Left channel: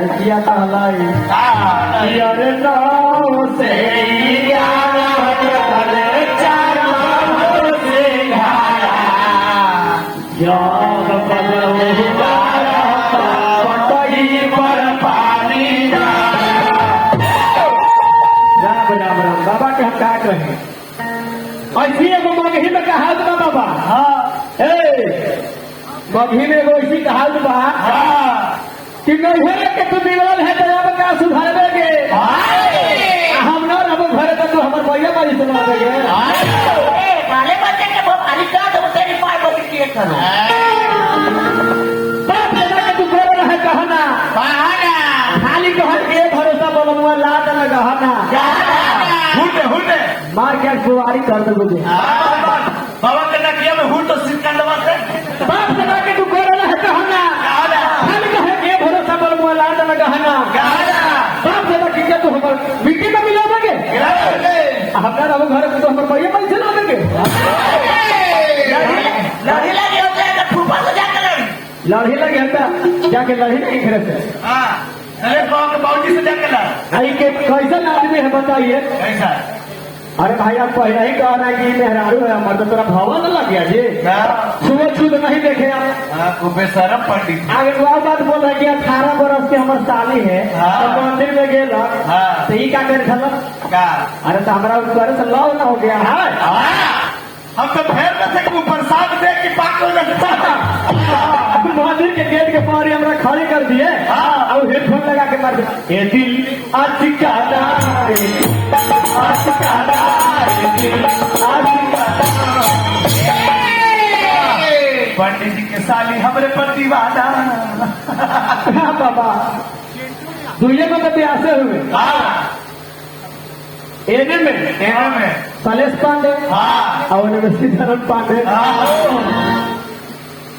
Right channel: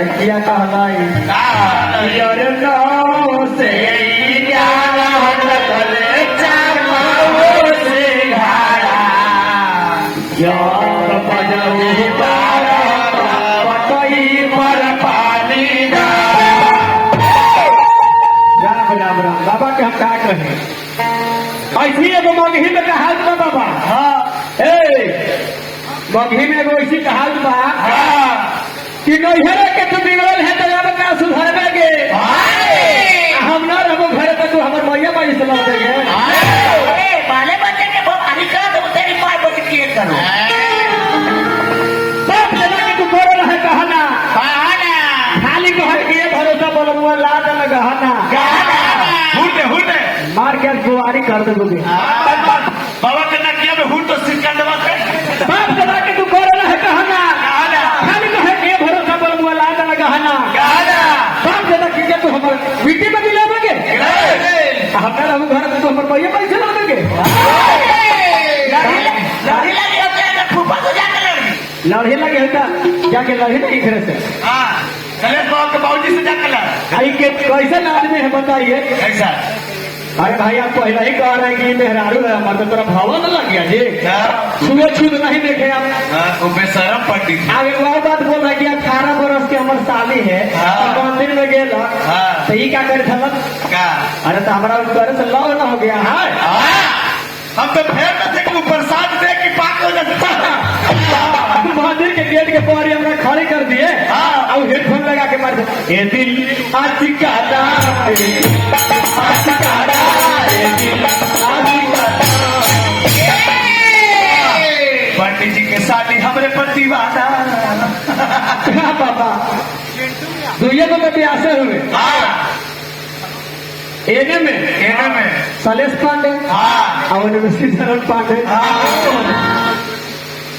लड़किया कहलाई यार नाम से ज्ञान कले चामल से घाड़ा ज्ञान कले पतई पर पानी बाबा के हम क्या कहें ऐसी एगो मगही में कहा बाबा हाँ मगही में एगो ऐसी कहा बा कि नैहरा के तू बिगड़ल है तो आप का सुधारबे गे हम ना रहो घर पर तो हम कोई बाई से लौट गए बाले बच्चे के बहुत अधिकार तो तेरी मां को किए करो सब जगह तू बोल रहा है कहना खाली के के भरोसा बोलो लात लगा हना हुटे मार के जुआरी कर दोगे बाबा के ना किया में हुट तो सिकंदर कर सब जगह के तू बोल रहा है कहना खाली के भरोसा बोलो लात लगा हना सब जगह की तो हम मिट्टी में मिलाओगे हमारा वो घर को हम कोई पैसे लगेंगे लड़े लगे जाके लड़े नहीं फिर से बाउंड्री से जाकर ला आई के कैसे आदमी है बताइए ऐसा अरे भाई आप पहले ही कहा रहे कि मेहरारू है हमारे तो पूरा भावा न लग गया जी सूरज छू नहीं देखे आप बेशरम पंडित अब एक और बात बोल रहा कि 18 बरस की हमारे साली है मंदिर में गए सही क्या कर खबर का अरे तो हमारा ऊपर से लव न हो गया है हम तो भय में थे कि वो प्रसाद दे के पागल मंदिर के गेट के पार हमें खड़े कर दिए और हेडफोन लगा के मार दिए ये दिल अटकाता पंडित जी के साली हमारे पति वादा बाबा दुनिया को पति आसे हुए एने में सलेश पांडे और सीताराम पांडे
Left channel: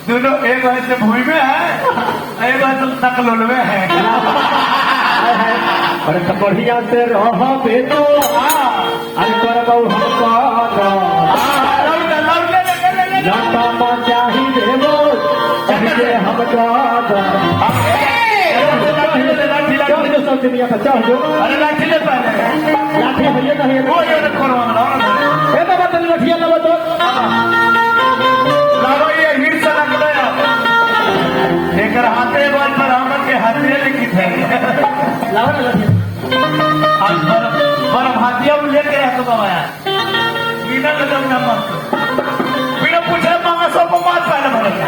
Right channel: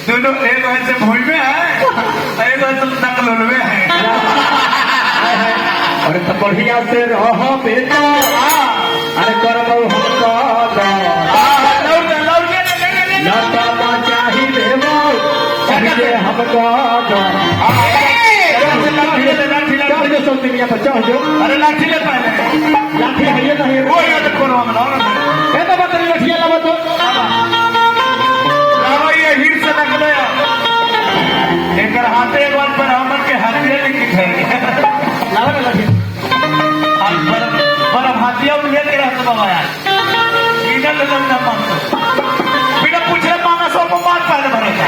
दोनों एक वैसे भूल में है एक वैसे नकल में है अरे तो बढ़िया से रहो बेटा अरे करो हमको चाहिए देवो चाहिए हमको दुनिया पर चाहिए अरे लाठी ले पाए लाठी है ये नहीं वो ये देखो ये तो बात लाठी है तो लाओ ये हिट से निकले लेकर हाथे वन पर हम के हाथे लिखी है लाओ ना लाठी पर हाथिया उन्हें के हाथ में आया लीडर का काम करना बिना पूछे मांगा सब बात पालन करता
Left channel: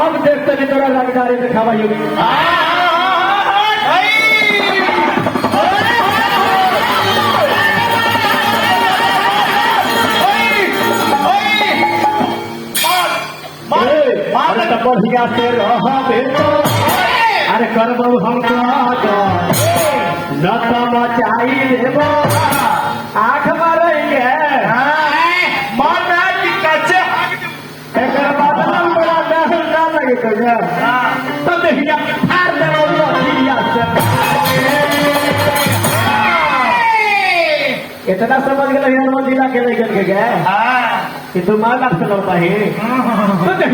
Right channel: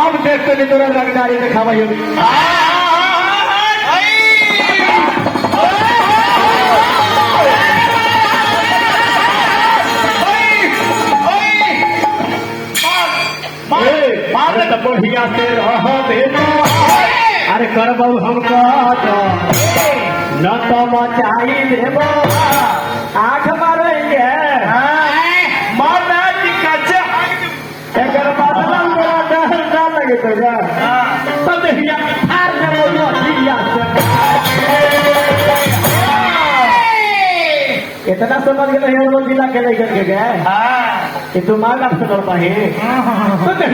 और देख के पूरा रंगदारी दिखाइए बढ़िया से रहो बेटा अरे करबो हमको लता चाहिए आठ मारेंगे माना की कच्चे इतना समझ गए हिंदू जिला के लेकर गए कि तुम्हारा फिर होता है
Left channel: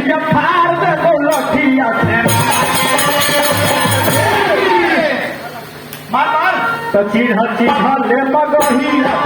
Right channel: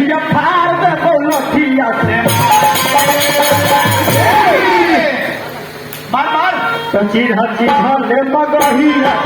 तो चीज हर चीज ले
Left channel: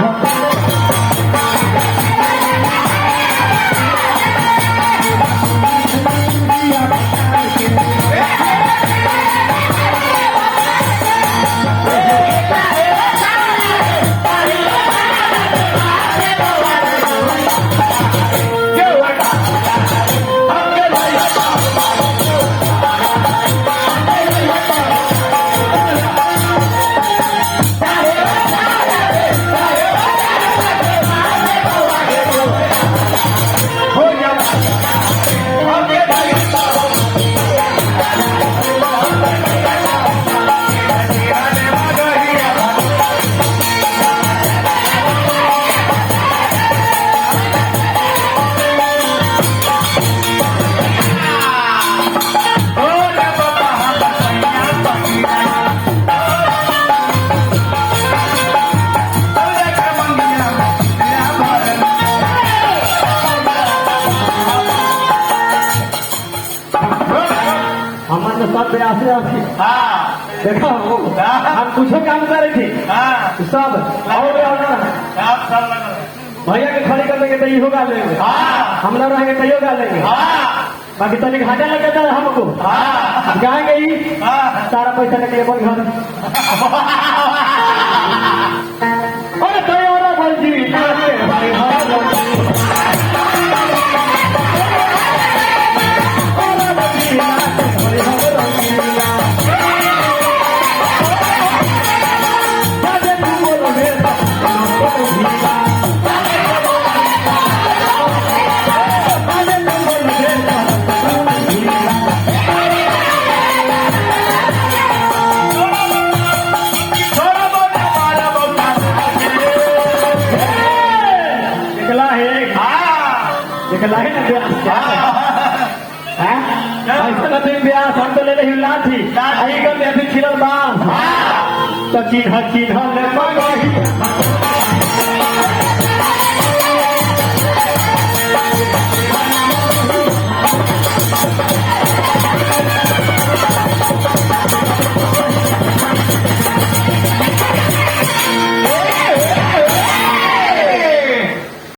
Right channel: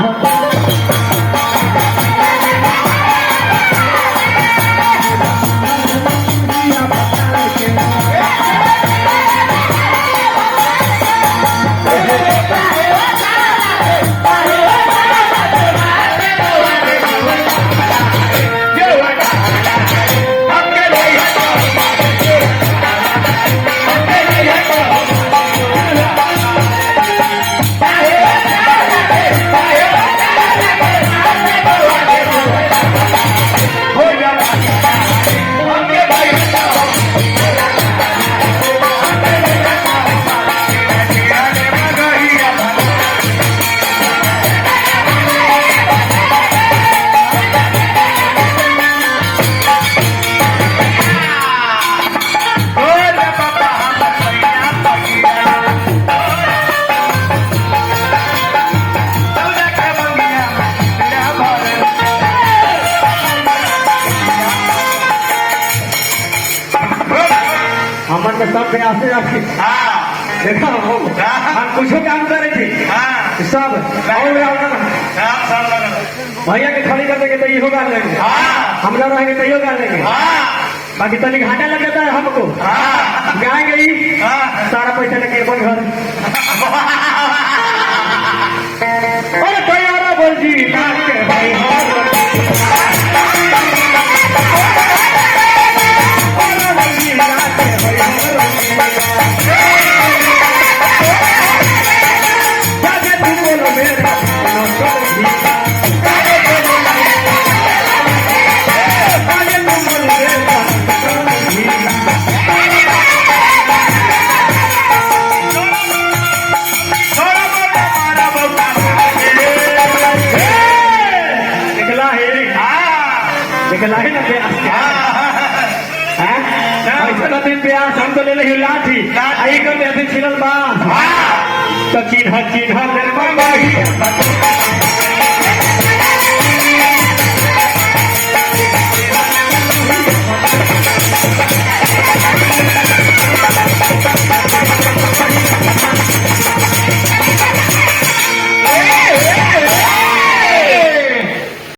प्यासे आके देखा हम कुछ काम करे थे सब और भैया के खड़ी कर देंगे तो ये होगा लेंगे हम लोग रहेंगे तो योगा लेंगे बाकी तनिक घाटा लग जाता है हमको जाएंगे ही सारा पैसा लेके अपन घर अरे भैया बोल जी हमको ले रही लाठी आई को अभी छिड़ल बात तो चिन्ह चिन्ह